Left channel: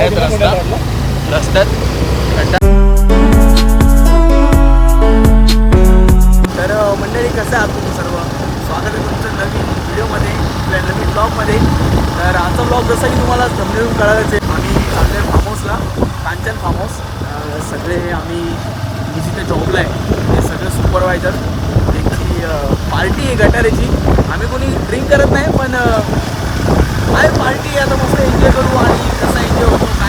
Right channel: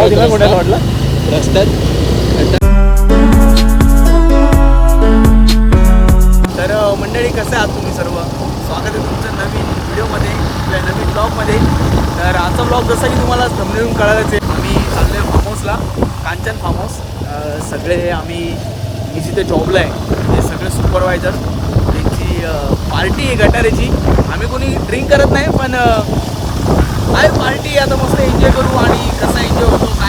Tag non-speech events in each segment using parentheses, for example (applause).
खड्ड्यात रस्ता. रस्त्यात तर मंडळी कसं आहात तुम्ही सर्व? स्वागत आहे तुमचं नवीन व्हिडिओमध्ये आपल्या नवीन ब्लॉगमध्ये. तर आजचा ब्लॉग जसा की तुम्हाला समजून कळायचं आहे. आम्ही चाललो फार्म हाऊसला कांचन फार्म हाऊस सगळे आम्ही मी जिथे जॉबला आहे ते सगळे सुपरवायझर त्यांची पार्टी आहे गटारेची. आम्ही कोणी ड्रिंक करत नाही पण आहे पार्टी आता मस्त एन्जॉय करू आणि कसं एन्जॉय होतो.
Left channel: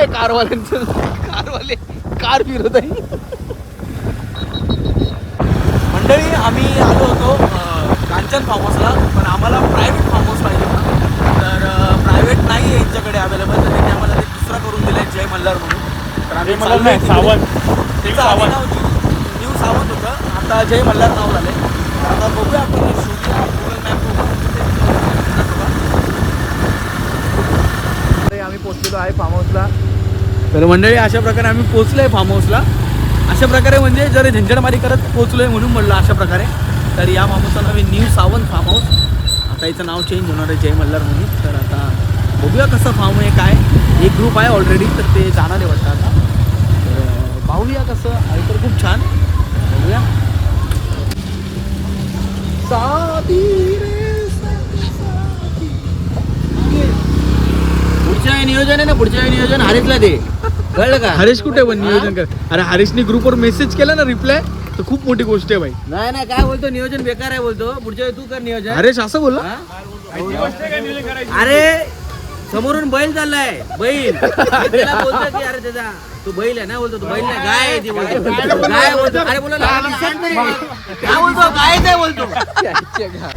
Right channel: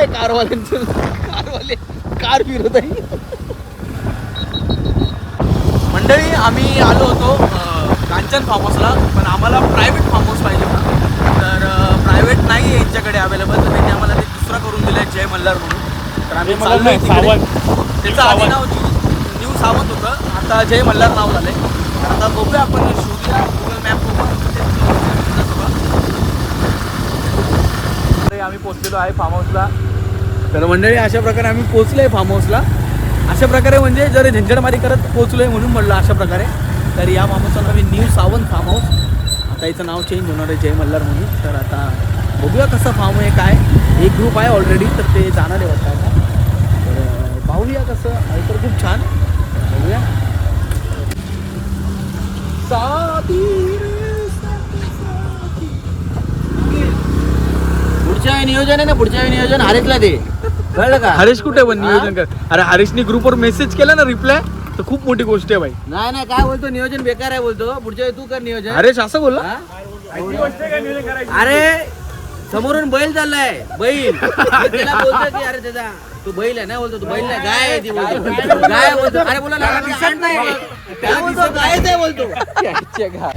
काय कारवाल्यांचं. कारवाले कार फिरत आहे. मंडळी आम्ही आलो होतो कांचन फार्म हाऊसला पण आम्हाला प्रायव्हेट फार्म हाऊस पाहिजे होता. तर प्रायव्हेट नाही आहे यांच्याकडे अवेलेबल तर त्यांनी आम्हाला ते दुसरा करून दिलाय जय मल्हार म्हणून. तर आम्ही. त्याचं आधी नाव न्यू सावंत होतं. आता जय मल्हार नाव झालंय. तर आता बघूया आपण शोधूया गुगल मॅप आम्ही पोहोचलेलो आहे फार्म हाऊसला तर मंडळी अशा प्रकारे आम्ही पोहोचलोय फार्म हाऊसला अशा प्रकारे म्हणजे जर झंझटमारी करत पोहोचलोय म्हणून म्हणलं अशा प्रकारे तर या फार्म हाऊसचं नाव आहे न्यू सावंत फार्म हाऊस आता याचं नाव चेंज होणार आहे जय मल्हार म्हणून. तर आता बघूया कसं फार्म आहे काय. एक ग्रुप आहे ऑलरेडी तर ते जाणार आहे वाटतं आता. तर पाहूया कसं आहे तर खूप छान. बघूया. साधी पुढच्या नियोजन आहे ना पुढच्या नियोजन हरेचला दे. कळलं का? हरीश कुठे पण नियोजन कर. अरे हरीशनी ग्रुपवर मेसेज केला ना रिप्लाय तर खूप मोठी गोष्ट आहे भाई नाही नाही काय बोलतो? नियोजन बेकार आहे बोलतो. पुढच्या वेळी तू कर नियोजन. हरीश असं बोलला? अरे समोरून बैल चाललाय बैल. मी त्याला बोलतो की अरे त्याचा तू बैल आहे ना? बोलतो तू बैल नाही गाय आहे ती बोलतो. गाय बोलतो. अरे बोला ना, काय बोलतो. गायच आहे बोलतो.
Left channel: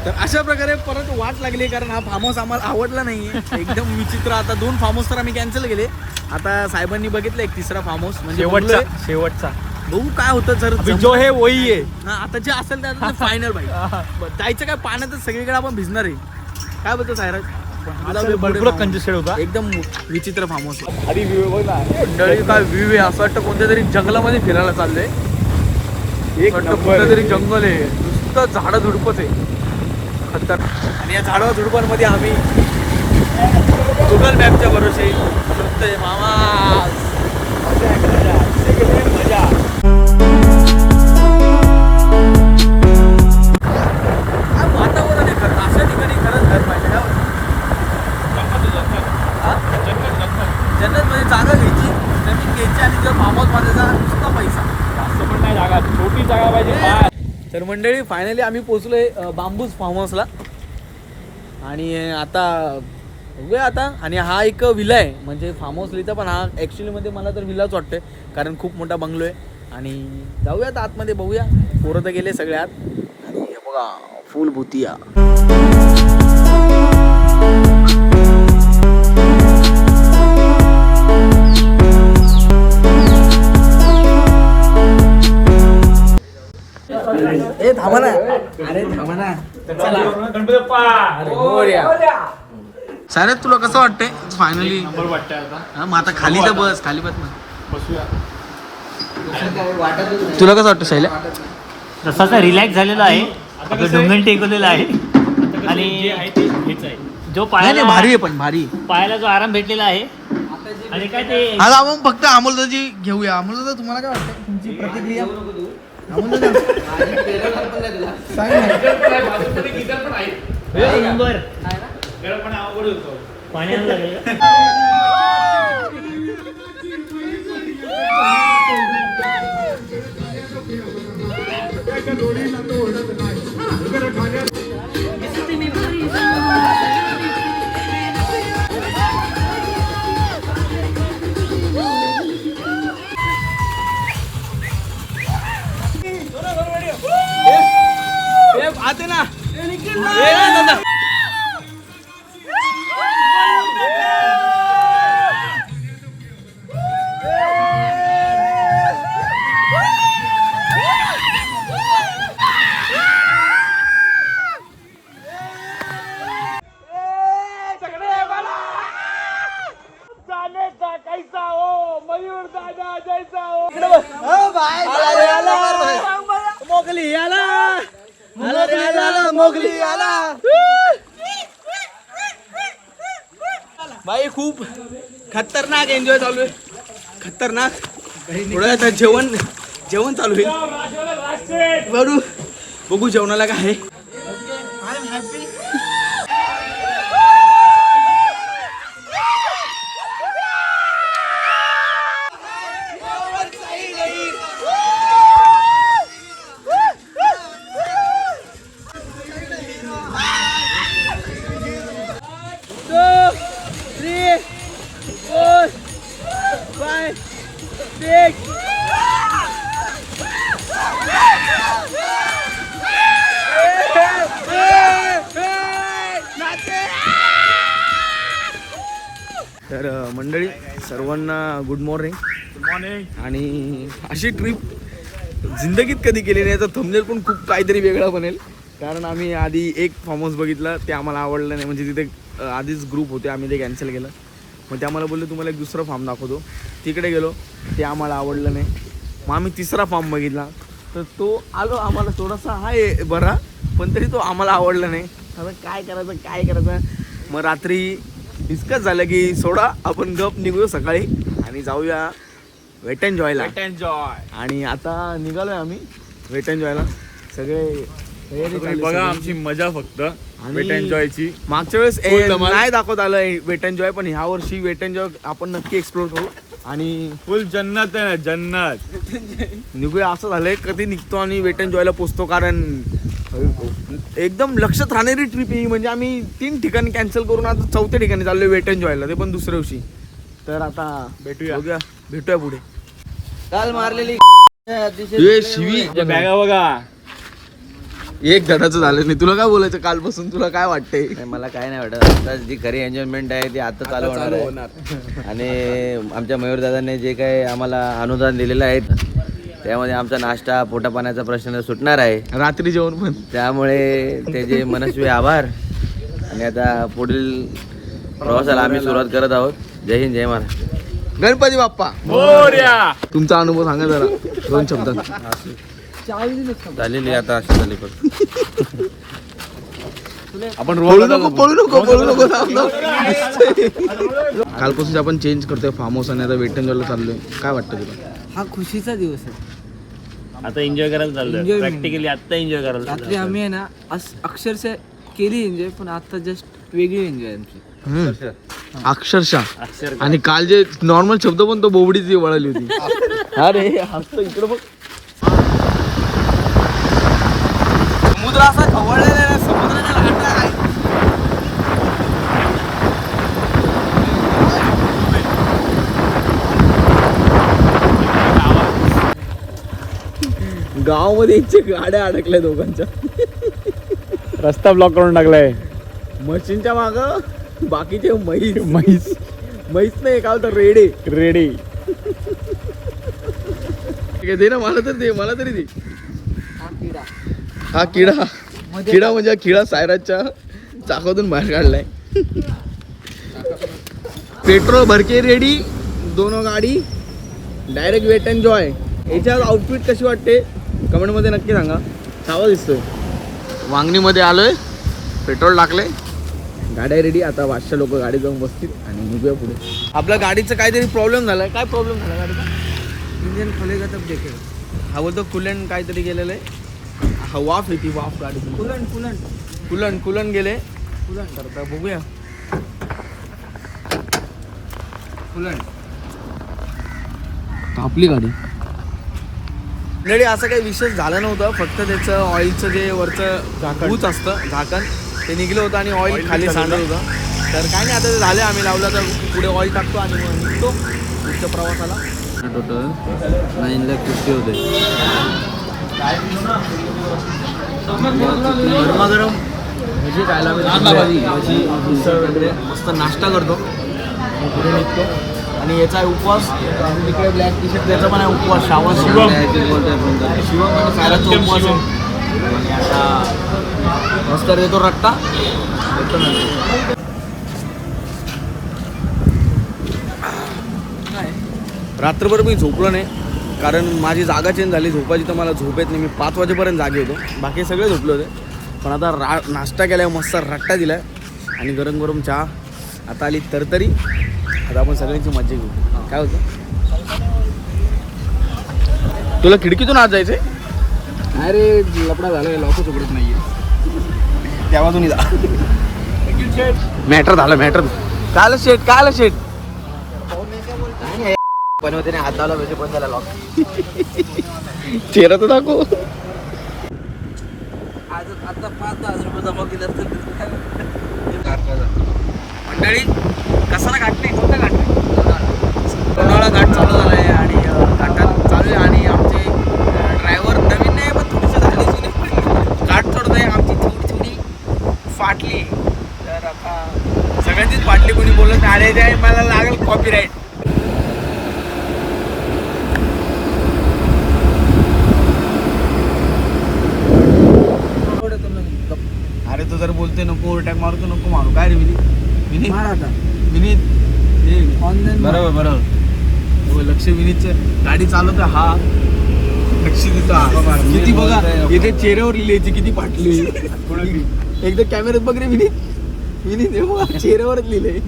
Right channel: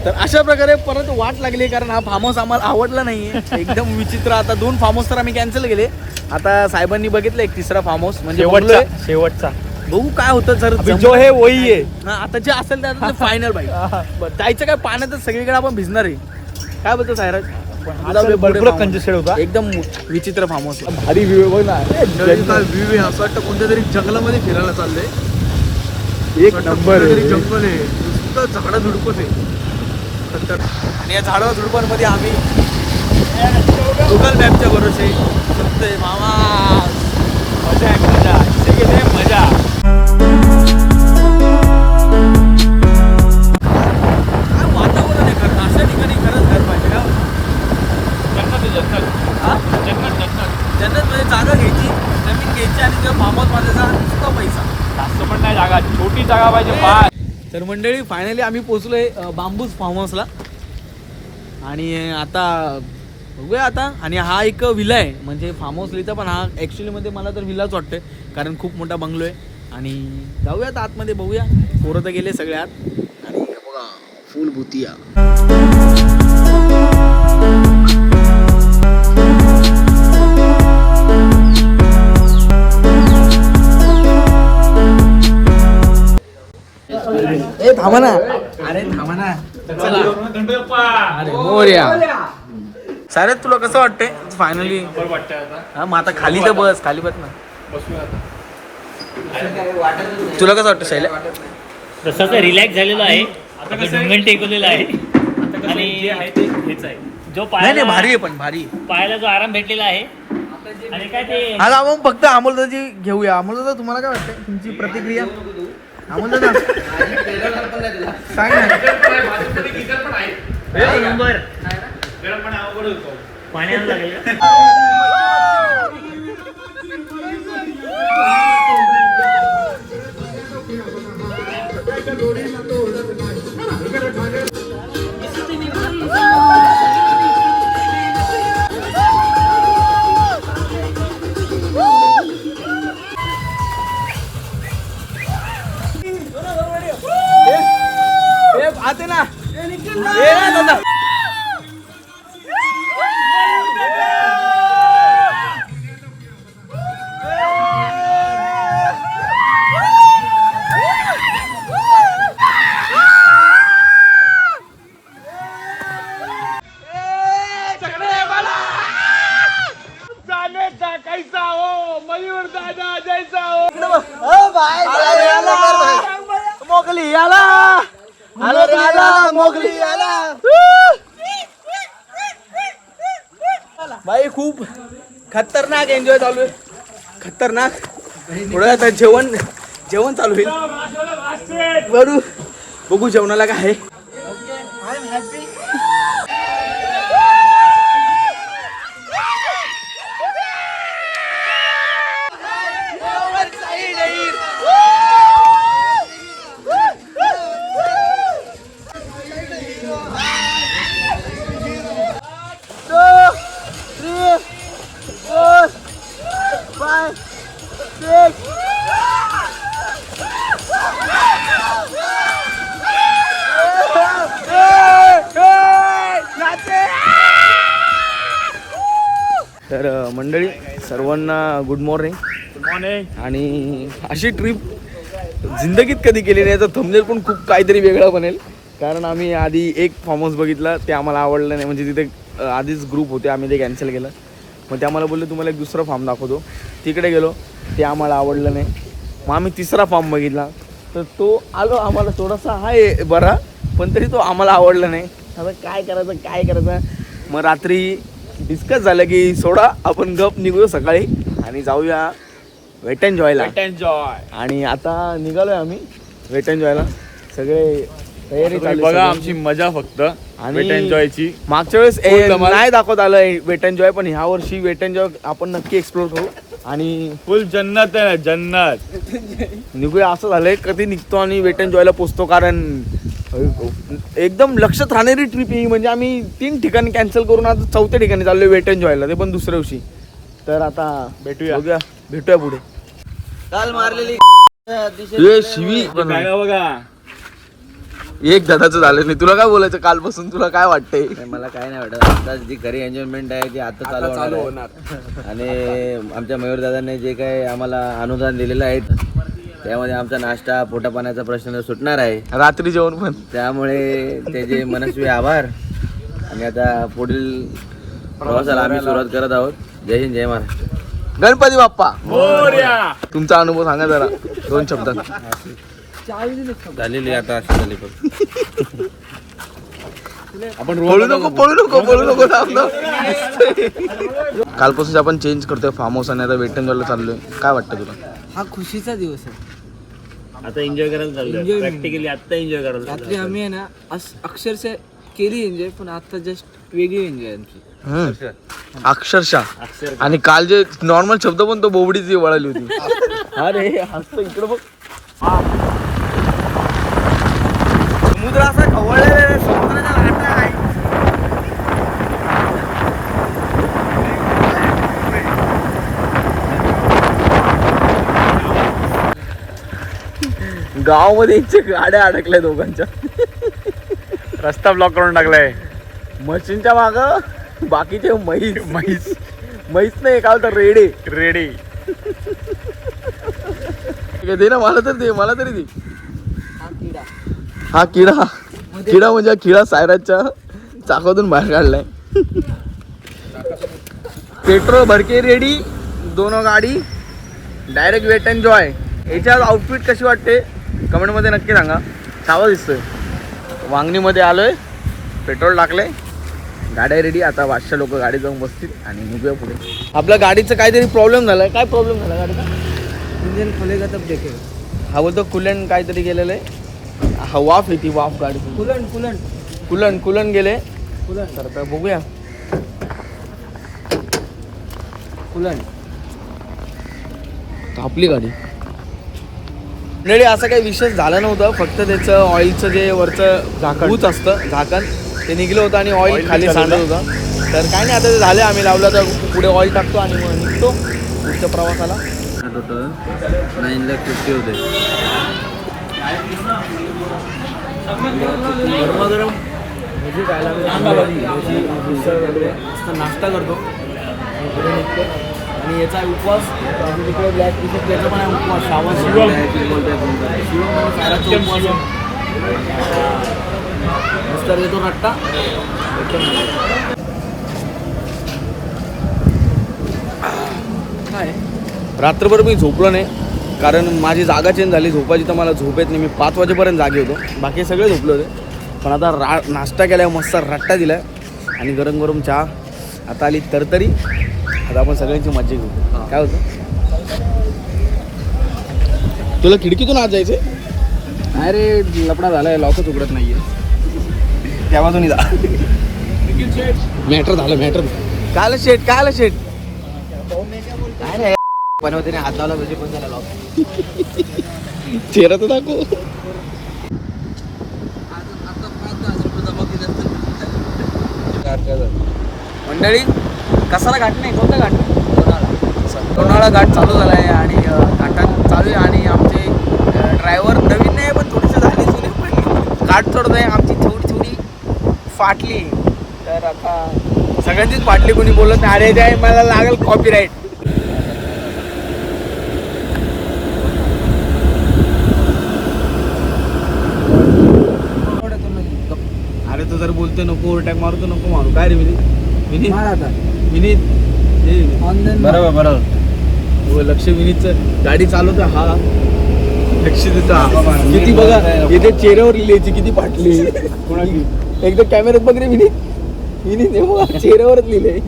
तर अशा प्रकारे परत वाट लागली कारण हा फार्म हाऊस आम्हाला आवडला नाहीये. एकदम विचित्र. आता दोन फार्म हाऊस तर आम्ही कॅन्सल केले. आता साहेबांनी बघितलं एक तिसरा फार्म हाऊस म्हणजे शेवटचा बघलोय. शेवटचा. बघू काय होतं सर अभी जो है वही आहे हा, आता जे असेल ते आता फायनल भाई (laughs) बरं, जायचं काय पाण्यातच सगळीकडे आपण भिजणार आहे. काय बोलतो सायराज भरपूर कंजेस्टेड होता. एकदम विचित्र फार्म हाऊस अरे व्ह्यू आहे असं वाटतं कोणत्या तरी जंगलामध्ये फिरायला चाललंय. एक वाटतं नंबर कोणतं तरी जंगल आहे. नुसतं झाडं झुडपच आहे खतर आणि या झाडं झुडपांमध्ये आम्ही गुगल मॅपच्या भरोसे मामा मजा आहे मजा. तर मंडळी फायनली आम्ही पोचलोय अ, बांबूज फार्म हाऊसला आणि आता बघूया आता. आणि हा एक विला आहे. म्हणजे फार्म हाऊस लिहिता पण हा ॲक्च्युलीमध्ये मला तर विलाच वाटतोय कारण खूप मोठा बंगलो आहे. आणि जाऊया आता आतमध्ये बघूया. पोरं तर गेले सगळे आत. आणि हे बघा फुल भूतिया ए थांबा ना अरे थांबा ना चला अरे मोरया. सारे तुला कसं वाटतंय? फायनली हा मग आता खाली तर बस खाली बस ना. बसूया. तुला कसं वाटतं शैल्या? तसं रिलॅक्स झालेलं आहे. आता ढुंगण टेकवलेलं आहे. आणि जे आहे ते हेच आहे. जो नाही भारी आहे पण भारी पायाला जो आराम भेटलेला आहे. आणि काय ते आज आपण फक्त अमोलदाची घेऊया. अमोलदादा तुम्हाला काय वाटतं तुमची प्रतिक्रिया? अमोलदादा सांग ना. एक नंबर. पाण्याला लागेल (laughs) (laughs) ए, ना, दादा. भाई खूप खतरनाक एन्जॉय चालू आहे. खतरनाक. थोडं आता जेवण जेवण चालू होईल. बरू बघू जेवणाला काय आहे. तर मंडळी सर्वांना गुड मॉर्निंग गुड मॉर्निंग आणि अशी ट्रिप जिंदगीत कधी केली नाही तर थंबनेल पण खूप काहीतरी वेगळा बनेल. कारण आम्ही आधी एक फार्म हाऊस बघितला ते आम्हाला आवडलं नाही. म्हणजे तिथे आधीच ग्रुप होते आम्ही ते कॅन्सल केलं. मग ते आम्हाला बोलले तुम्हाला एक दुसरा फार्म दाखवतो. तिकडे गेलो ते आम्हाला आवडलं नाही. मग आम्ही तिसरा फार्म बघितला. तर तो आलो आम्हाला थोडासा आहे बरा पण तरी तो आम्हाला आवडला नाही. आता काय करायचं काय करायचं? मग रात्री डिस्कस झालं की सोडा आपण गप निघूया सकाळी आणि जाऊया वेट अँड जॉयला एन्जॉय आणि आता निघालोय आम्ही वेट अँड जॉयला सगळे तयारी बघा आमची मजा फक्त आणि- वेट एन्जॉयची मागच्या वेळेस ए, धमाल. नाही दाखवत आलं वेट अँड जॉय पण ह्या वर्षी वेट अँड जॉय आपण नक्की एक्सप्लोर करू. आणि फुल जन्नत आहे ना जन्नत. निघूया असं झालंय कधी निघतो आणि वेट अँड जॉयला पोचतो कारण एकदम लक्षात राहणारी ट्रिप ही. म्हणजे आम्ही तीन ठिकाणी कॅन्सल करून आता चौथ्या ठिकाणी चाललोय वेट अँड जॉयला ते पण दुसऱ्या दिवशी. तर आता भेटूया. बघूया. भेटूया पुढे. काल मारलेली ए, शिवी. बॅगा बघा. एक धडाचं झालं नाही. तुला काय बोलायचं? कालपासून तुला काय वाटतंय? नाही, मला काय नाही वाटत. आता जी खरी एन्जॉयमेंट आहे ती आता चालू होणार आहे. आणि आमच्या मयूर दादांनी जे काही आम्हाला अनुदान दिलेलं आहे त्यामध्ये आमचा नाश्ता पोटा पाण्याचा प्रश्न सुटणार आहे. रात्री जेवण पण. त्यामुळे त्याचे मनस्वी आभार. आणि आता पुढील प्रवासाला आम्ही सुरुवात करत आहोत. जय हिंद जय महाराष्ट्र. गणपती बाप्पा. मोर्या! तुमचा अनुभव सांगा जरा. दोन शब्दात झालेली आता अशी झाली फक्त आपण पळू नको पळू नको पळू नको. कालपासून आपण चेंज करतोय फार्म हाऊस आणि आता वेटन झालं चाललोय. काय वाटतं तुला? हा खुशीचा दिवस आहे. आता एन्जॉय करायला चाललोय. प्रॅक्टिकली आता एन्जॉय करायला रात्री आम्ही आहे ना अस- अक्षरशः केली एन्जॉय पण आता जस्ट वेगळी एन्जॉय आमची. हम्म. अक्षरशः. अक्षर आणि काल जे नॉर्मल शब्द पण तो बोबडीची वळाली होती. (laughs) अरे हसतो इकडे बघ. समुद्र असा खवळलेला आहे समुद्राच्या लाटा आहे गावामध्ये इच्छे गाड्या अडकल्या दोघांच्या. रस्ता ब्लॉक करून टाकलाय. मशीनच्या माग बाकीचे म्हैस. म्हैस. म्हैस नाही काय तर रेडे. रेडी. ठीक आहे, दे ना मला तर दे मला तरी दे. हा किडा. किडा. म्हणजे हा किडा सायराच्या चाकातून बाहेर काढलाय. पेट्रोल भरके रेडी दोन गाडी. डायरेक्ट वेट अँड जॉय याच्यात आउटफिट कशी वाटते? कमेंटमध्ये नक्की सांगा. चावा दिसतोय. वांगणीमध्ये आलोय. पेट्रोल टाकलंय. गाड्या रेडी आता पाचशे लोक गाडी जाऊन बसतील आणि निघूया पुढे. आपल्या गाडीचं काहीतरी प्रॉब्लेम झालाय. काय प्रॉब्लेम झाला गाडीचा? इंजन खोलेगा तब देखेगा हा बोलतो कुलन काहीतरी गेलेलं आहे हा वाफ येते वाफ गाडी कुलन कुलन कुलन कुलन गेले. कुलन तर आता बघूया. कुलन आपली गाडी. मंडळी असं काही विशेष झालं नव्हतं. फक्त त्याचं ऑइलचं जे वरचं झाकण असतं झाकण ते निघलं होतं आणि ऑइल खाली सांडत होतं. तर काय नाही आता ते झालं आम्ही लावलं तर पुढे ऑइल टाकतो आणि मग निघतो पुढच्या प्रवासाला. नाईन लाख फिफ्टी होते. गरमागरम भजी खायला भजी भजी मिसळ वगैरे. मस्त नाश्ता करतो. आणि पुढे निघतो. आणि याचा आहे उपवास. तिकडे ब्लॅक टी शर्ट त्याचा पण आहे उपवास. श्रावण शिवम शिवम म्हणजे सायराचा उपवास आहे. आणि आता मस्त देतो रट्टा. रात्रभर मी झोपलो नाही. कारण माझी जागा चेंज झाली. झोपायची तर मला झोप येत नाही. मी पाच वाजेपर्यंत जागे होतो. बाकी सगळे झोपले होते. पण आता रा नाश्ता केला मस्त रट्टा दिला आणि गरम गरम चहा. आता आली तरतरी. आता आपण सगळ्यांची मजा घेऊ. काय होतं? तुला खिडकीतून आज जायचंय? अरे लपडा झालाय लॉकच उघडत नाहीये. तेव्हातून जा मॅटर झालं मॅटर. काल शेट काल शेट बनवते नाही हाताला म्हणजे पण त्याला लॉक चेहरा तर दाखव. मंडळी कसाला घाट नाही कोणता घाट रे? लोणावळा घाट चालू झाला आहे आणि घाटात चालू आहे आणि आमचे ड्रायव्हर नवीन नाही पण थोडीशी झाली जुनी घाट चढत आहे आमची थोडी थोडी फाटली. तर आता सगळ्यांचीच फाटली कोणी बोलत नाही. अरे ते मला लागेल कॉपीराईट अरे तू जर बोलते नको ओव्हरटॅक मारतो नको मारू. काय रे विनीत विनीत विनीत ए, विनीत. बरोबर बरोबर. हो लक्ष विनीतचं गाडी चालवतो हा लक्ष देतो हा. किती बघा इथे चेहऱ्यावर लिहायची किती फाटली. एकदा कॅमेऱ्यात बघ रे विनीत. विनीत हे बघा चेहऱ्यावरच लिहिले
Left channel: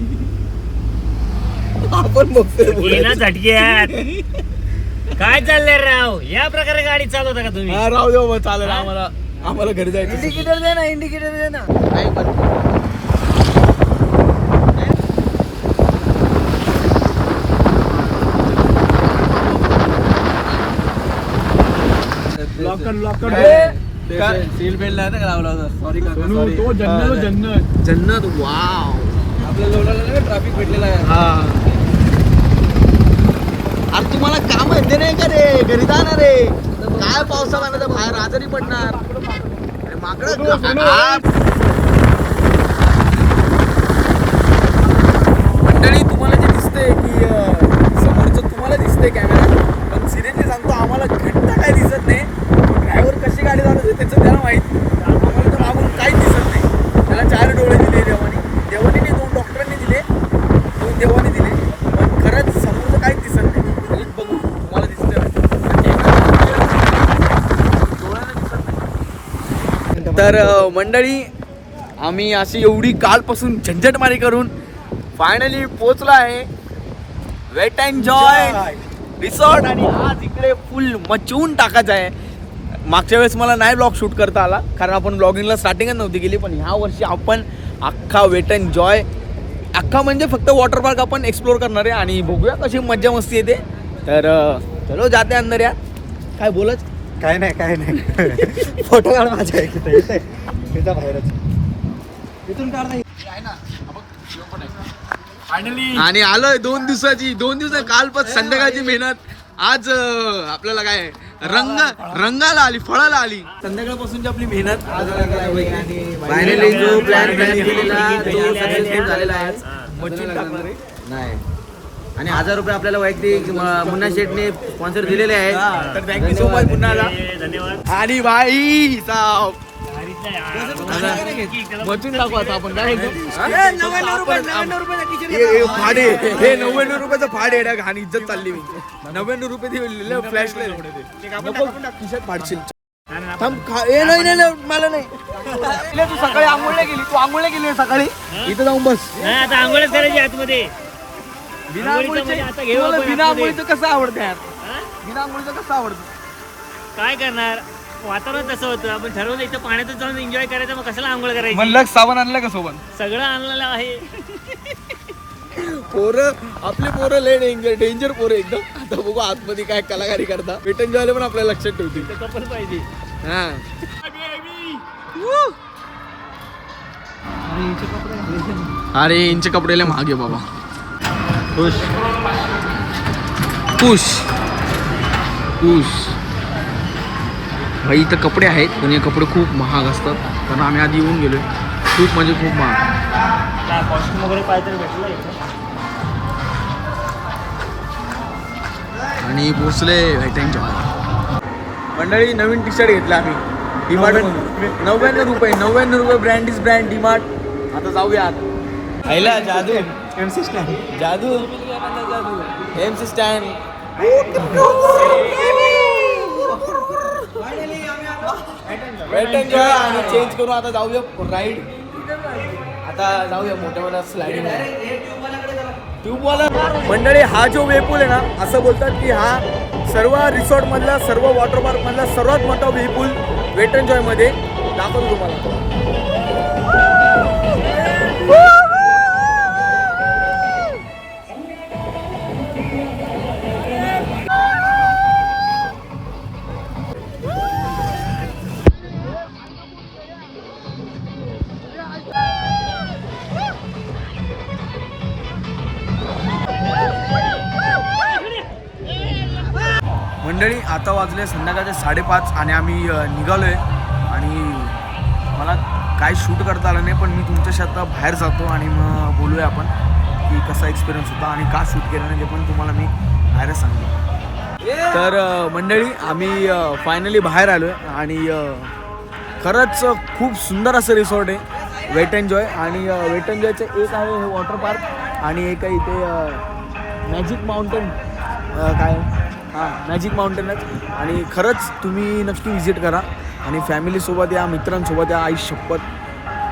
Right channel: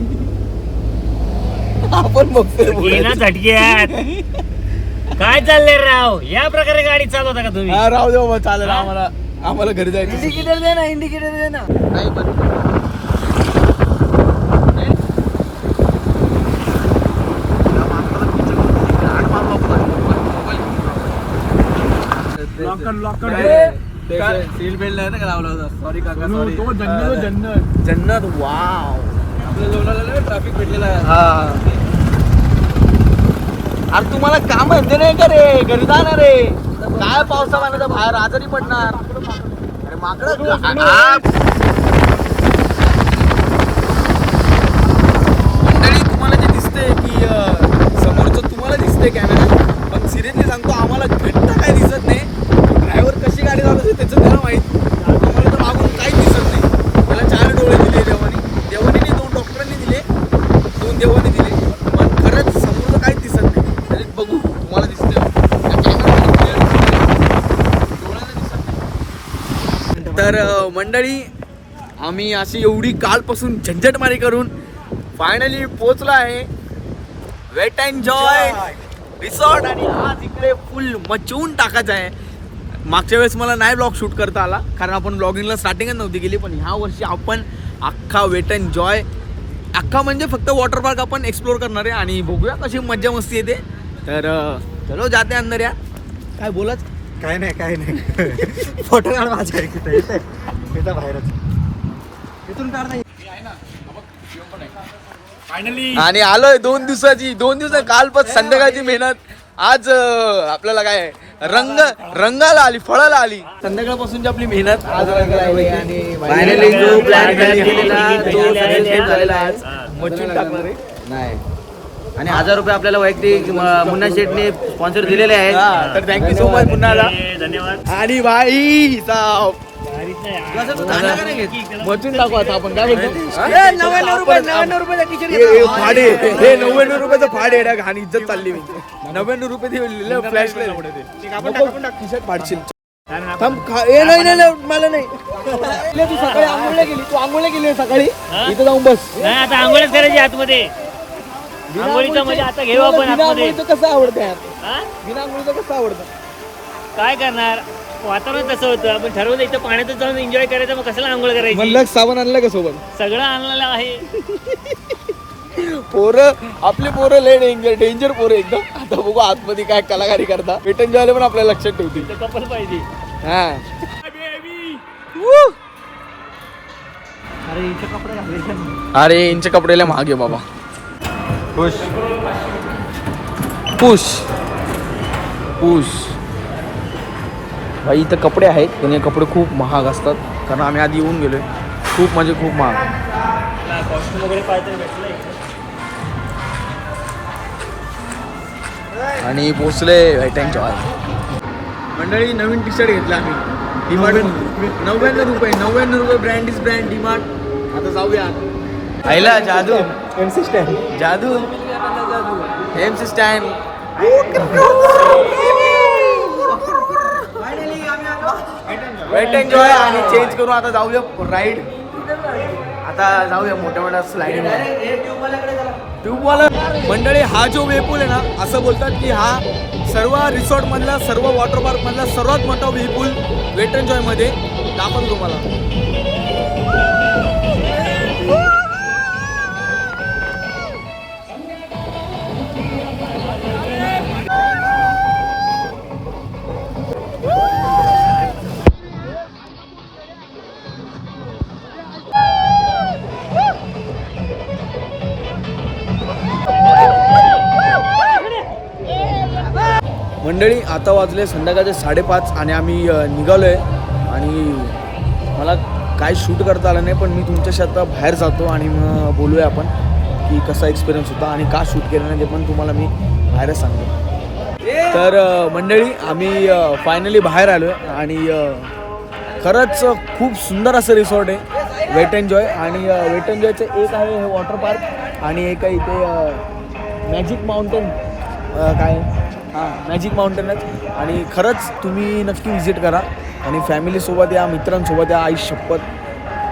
आपण बघतोय झटक्यात काय चाललंय राव? या प्रकारे गाडी चालवता का तुम्ही? हा राव देऊ चालेल आम्हाला आम्हाला घरी जायचं इंडिकेटर दे ना इंडिकेटर दे ना. बेल्ट नाही ना लावला होता? सॉरी काका सॉरी तो जन्नत जन्नत. जन्नत. वाव आपल्या ट्रॅफिक भेटलेला हा. अरे तुम्हाला काम आहे नाही का रे? घरी जाणार रे. काय पावसा पाण्याचा बाहेर आजारी पडणार. अरे माकडं आ- मंडळी तुम्हाला जे दिसतंय की समोरचं तुम्हाला दिसतंय कॅमेरा पण सिरियसली सांगतो आम्हाला घंटा काय दिसत नाही. गाडी चालवते त्याचं त्याला माहीत. आम्हाला तर मागून काहीच दिसत नाही. त्याला चार डोळे दिले देवानी. देवानी दोन डॉक्टरांनी दिले दोन देवानी दिले. पण खरंच समोरचं काहीच दिसत नाही. तरी बघू तुम्हाला दिसत तर मंडळी आम्ही अशी एवढी कालपासून झंझटमारी करून फायनली पोचला आहे. वेट अँड जॉय रिसॉर्ट आणि आज इकडे फुल मचवून टाकायचं आहे. मागच्या वेळेस मला नाही ब्लॉग शूट करता आला कारण आपण ब्लॉगिंगला स्टार्टिंगच नव्हती गेली पण ह्या वर्षी आपण अख्खा वेट अँड जॉय अख्खा म्हणजे फक्त वॉटर पार्क आपण एक्सप्लोर करणार आहे आणि बघूया कशी मज्जा मस्ती येते. तर चलो जाते अंदर या काय बोलच काय नाही काय नाही. (laughs) फोटो काढ माझ्या बाहेरच. आणि आलोय दोन दिवसाची दोन दिवस कालपास संध्याकाळची मेहनत. आज आपल्याला काय रंग रंगाला आली फळाला आली. संध्याकाळपासूनची आपली मेहनत आज फायनली जो प्लॅन केलेला तो सक्सेसफुल झालेला आहे. मचून टाकणार आहे. नाही. आणि हजार रुपये आपल्याला वैयक्तिक मुन्ना शेटने स्पॉन्सर दिलेले आहेत. तर थँक्यू सो मच पुन्हा धन्यवाद. आणि भाई साहेब मचून टाकू आता आपण. काय हे फाडे. हे नव्याण्णव रुपयाचं फाडे आहे घाण इज्जत चालली मी. नव्याण्णव रुपये दिले फ्लॅश शर्ट फाडशील. थांब ए नाही नाही मला नाही. तू सकाळी आंघोळीला गेली तू आंघोळीला गेली सकाळी? इथं जाऊन बस. नाही आता आंघोळच करायची आतमध्ये. म्हणजे कसं आवडतं यार? हा? बिना आंघोळीचं कसं आवडतं? काय करणार? वातावरण तसं होतं. आपण ठरवलं इथं पाण्यातच जाऊन एन्जॉय करायचं मग कशाला आंघोळ करायची? म्हणलं साबण आणलं का सोबत? सगळं आणलेलं आहे. पोरं आपली पोरं लय डेंजर डेंजर पोरं एकदम. आता बघू आतमध्ये काय कलाकारी करता. वेटन जॉयला पण आपल्याला लक्षात ठेवतील. ते कपल पाहिजे. हा. अरे यांचे कपडे लय महाग आहे बाबा. पुश पुश भाई इथं कपडे आहेत पण हे कपडे खूप महाग असतात. कारण आम्ही आधी येऊन गेलोय. खूप म्हणजे खूप महाग. कॉस्ट्युम वगैरे भेटलं. आणि पोचले व्हाईट जॉय. मंडळी नवीन टी शर्ट घेतला आम्ही. डीमार्ट नव्याण्णव रुपये. नव्याण्णव रुपये ब्रँड इज ब्रँड डीमार्ट आता जाऊया. आईला जादू. एम सी स्टँड जादू. M C stand wet enjoy आणि चेंज करून आता जाऊया राईड. आता जाऊया मोठ्या मोठ्या स्लाईड ट्यूबवाला मंडळी हा जो वेपूल आहे ना असं बोलतात की हा सर्व रिसॉर्ट मधला सर्व वॉटर पार्क मधला सर्वात मोठा वेपूल वेट एन्जॉयमध्ये दाखवतो तुम्हाला. मंडळी आता वाजले संध्याकाळचे साडेपाच आणि आम्ही निघालो आहे आणि मला काय शूट करता आलं नाही पण मी तुमच्याशी आता बाहेर जातो आणि मग बोलूया आपण की कसा एक्सपिरियन्स होता आणि का शूट केलं नाही ते पण तुम्हाला मी बाहेरच सांगेन तर मंडळी आम्ही फायनली बाहेर आलो आहे आणि खरंच खूप सुंदर असं रिसॉर्ट आहे वेट एन्जॉय आणि वेट एन्जॉयचं एक आहे हे वॉटर पार्क आणि एक आहे इथे मॅजिक माउंटेन काय? हां मॅजिक माउंटेनच आणि खरंच तुम्ही नक्की व्हिजिट करा. आणि फॅमिलीसोबत या मित्रांसोबत या आई शपथ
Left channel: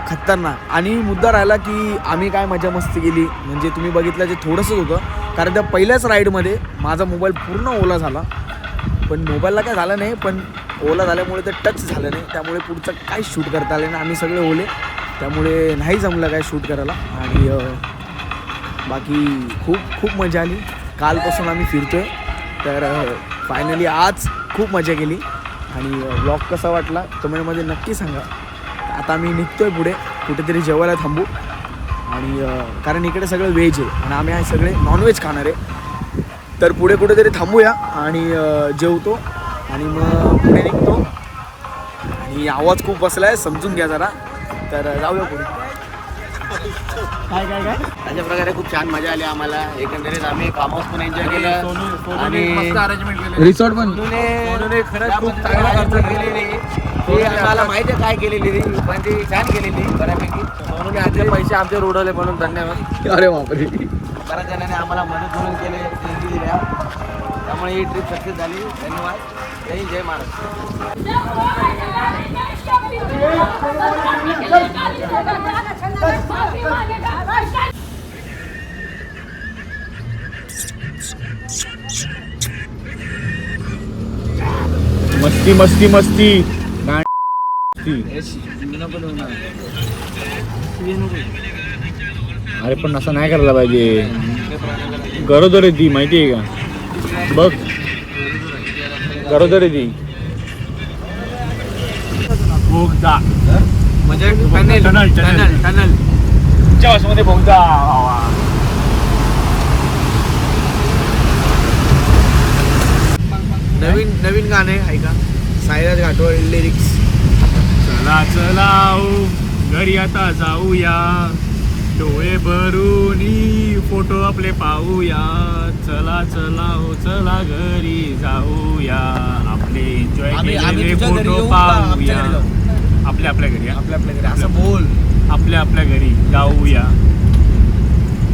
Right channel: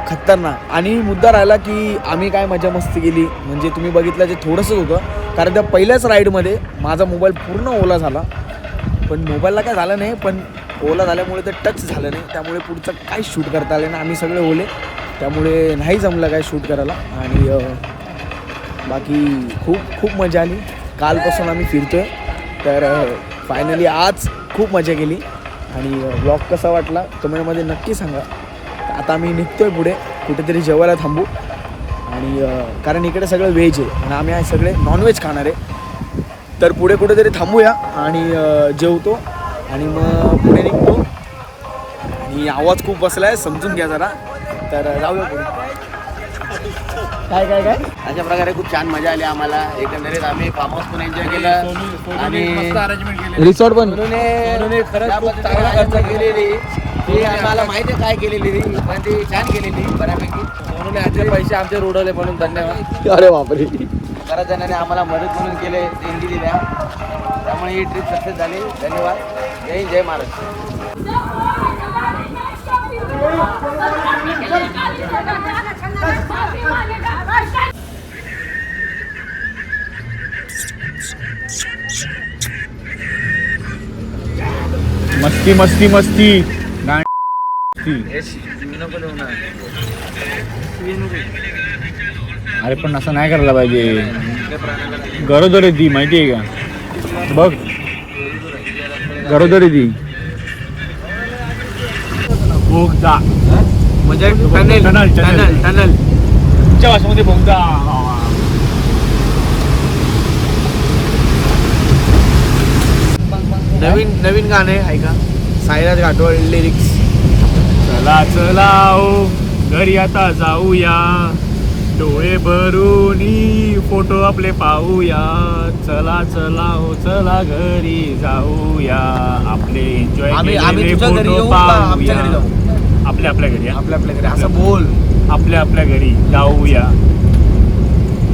खतरनाक. आणि मुद्दा राहिला की आम्ही काय मजा मस्ती केली म्हणजे तुम्ही बघितलं जे थोडंसंच होतं. कारण त्या पहिल्याच राईडमध्ये माझा मोबाईल पूर्ण ओला झाला. पण मोबाईलला काय झालं नाही पण ओला झाल्यामुळे ते टच झालं नाही. त्यामुळे पुढचं काय शूट करता आलं नाही. आम्ही सगळे ओले. त्यामुळे नाही जमलं काय शूट करायला. आणि बाकी खूप खूप मजा आली. कालपासून आम्ही फिरतो आहे तर फायनली आज खूप मजा केली. आणि ब्लॉग कसा वाटला कमेंटमध्ये नक्की सांगा. आता आम्ही आहे पुढे. कुठेतरी जेवायला थांबू. आणि कारण इकडे सगळं व्हेज आहे. आणि आम्ही आहे सगळे नॉनव्हेज खाणार आहे. तर पुढे कुठेतरी थांबूया आणि जेवतो. आणि मग पुढे निघतो. आणि आवाज खूप बसला आहे समजून घ्या जरा. तर जाऊया पुढे. काय काय काय? अशा प्रकारे खूप छान मजा आली आम्हाला. एकंदरीत आम्ही फार्म हाऊस पण एन्जॉय केलं. आणि रिसॉर्ट पण. सोनूने खरंच खूप चांगला खर्च केलेली. ती आम्हाला माहिती आहे काय केलेली ती. पण ती छान केलेली बऱ्यापैकी. सोनूने आमचे पैसे आमचे उडवले म्हणून धन्यवाद. अरे बापरे. बऱ्याच जणांनी आम्हाला मदत म्हणून केले देणगी दिल्या. त्यामुळे ही ट्रिप सक्सेस झाली. धन्यवाद. जय हिंद, जय महाराष्ट्र. मस्ती मस्ती मस्ती. अरे पण असं नाही करायला पाहिजे. गरोदर ती माहिती आहे का? बघ. गरोदर ती. बोगदा. म्हणजे टनेल, टनेल, टनेल. टनल तुमच्या भाषेमध्ये बोगदा. नवीन नवीन गाणे ऐका साईराज घाटवळ लिरिक्स चला चला ओ. घरी आता जाऊया. डोळे भरून फोटो आपले पाहूया. चला चला ओ चला घरी जाऊया. आपले एन्जॉय फोटो पाहूया. आपल्या आपल्या घरी हा? आपल्या आपल्या घरी. असं बोल. आपल्या आपल्या घरी जाऊया.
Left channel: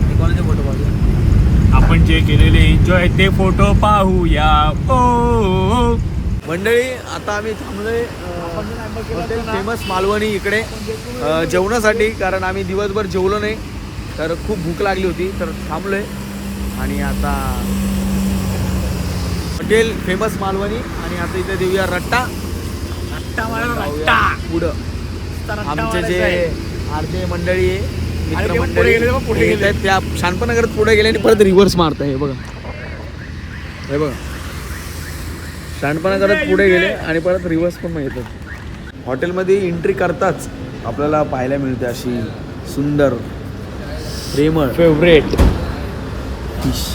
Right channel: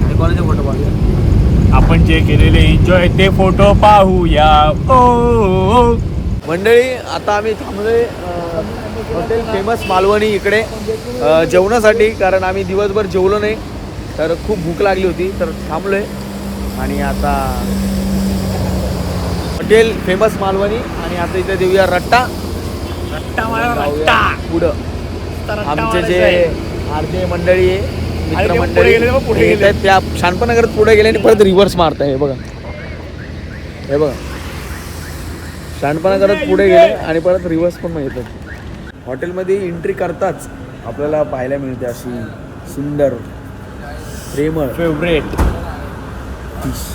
आणि कोणाचे फोटो पाहूया? आपण जे केलेले एन्जॉय ते फोटो पाहूया. ओ, मंडळी आता आम्ही थांबलोय हॉटेल फेमस मालवणी इकडे. जेवणासाठी कारण आम्ही दिवसभर जेवलो नाही तर खूप भूक लागली होती तर थांबलोय. आणि आता हॉटेल फेमस मालवणी आणि आता इथे देऊया रट्टा. जाऊया पुढं. आमचे जे आरजे मंडळी आहे पुढे गेले गेले. येतायत, त्या शानपणाकडे पुढे गेले आणि परत रिव्हर्स मारत आहे हे बघा. हे बघा. शानपणा करत पुढे गेले. आणि परत रिव्हर्स पण येतात हॉटेलमध्ये एंट्री करताच आपल्याला पाहायला मिळते अशी सुंदर प्रेमळ. फेवरेट फिश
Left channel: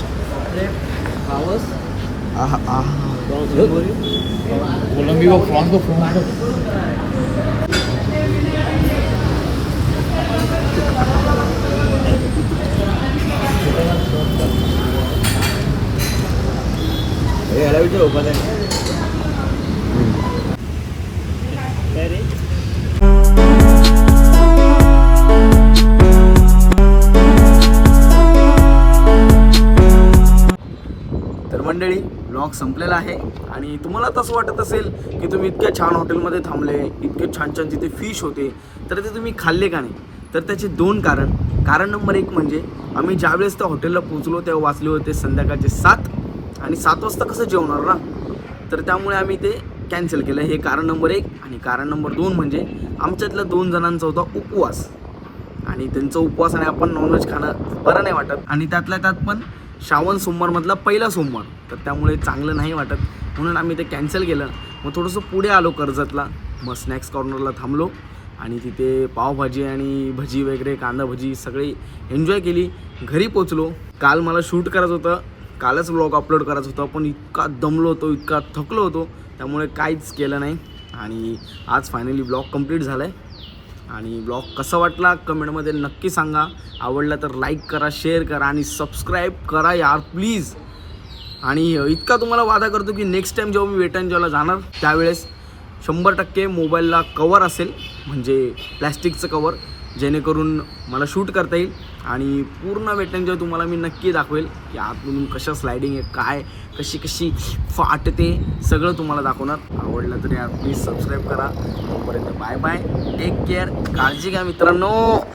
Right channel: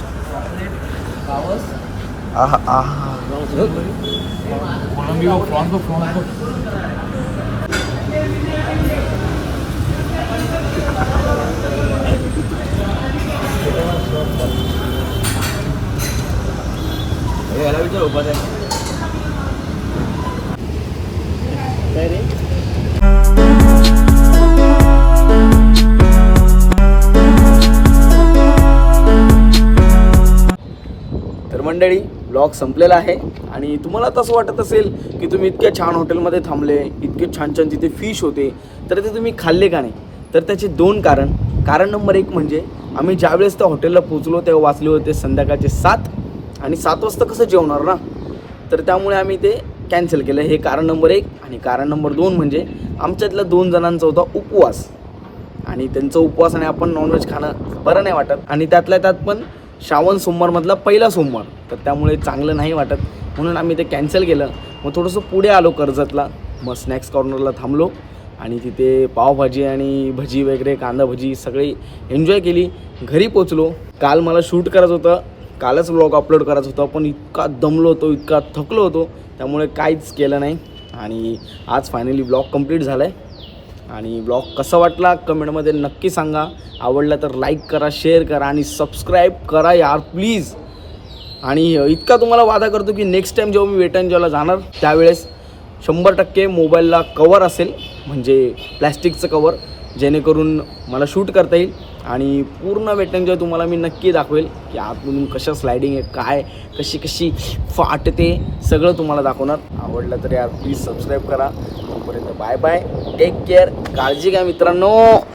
आहा आहा हे याला विचार ओपन आहे तर मंडळी ब्लॉग संपलेला आहे आणि तुम्हाला तसं वाटत असेल की तुम्ही इतक्या छान हॉटेलमध्ये थांबले इतके छान छान जिथे फिश होते तर ते तुम्ही खाल्ले का नाही? तर त्याचे दोन कारण. कारण नंबर एक म्हणजे आम्ही ज्यावेळेस त्या हॉटेलला पोचलो तेव्हा वाचले होते संध्याकाळचे सात. आणि सात वाजता कसं जेवणार ना? तर त्यामुळे आम्ही ते कॅन्सल केलं. हे कारण नंबर एक. आणि कारण नंबर दोन म्हणजे आमच्यातल्या दोन जणांचा होता उपवास. आणि त्यांचा आणि आपण नॉनव्हेज खाणं बरं नाही वाटत. आणि त्यातल्या त्यात पण श्रावण सोमवारमधला पहिला सोमवार. तर त्यामुळे चांगलं नाही वाटत. म्हणून आम्ही ते कॅन्सल केलं. मग थोडंसं पुढे आलो कर्जतला. मग स्नॅक्स कॉर्नरला थांबलो. आणि तिथे पावभाजी आणि भजी वगैरे कांदा भजी सगळी एन्जॉय केली. घरी पोचलो काल मला शूट करायचं होतं. कालच ब्लॉग अपलोड करायचं होतं. पण इतका दमलो होतो इतका थकलो होतो. त्यामुळे काहीच केलं नाही. आणि आज फायनली ब्लॉग कंप्लीट झाला आहे आणि ब्लॉग कसा वाटला कमेंटमध्ये नक्की सांगा. आवडला तर लाईक करा शेअर करा आणि सबस्क्राईब करा यार प्लीज आणि इतका तुम्हाला वादा करतो की नेक्स्ट टाईम जेव्हा मी वेट अँड जाणार त्यावेळेस शंभर टक्के मोबाईलला कवर असेल. म्हणजे प्लॅस्टिकचं कवर जेणेकरून मला शूट करता येईल आणि पूर्ण वेट अँड तुम्हाला मी नक्की दाखवेल की आतमधून कशा स्लायडिंग आहे काय कशी कशी फाटते सगळं तुम्हाला दाखवणार. आवडलं तर यार प्लीज सबस्क्राईब करा. तोपर्यंत बाय बाय टेक केअर काळजी घ्या मित्रांनो.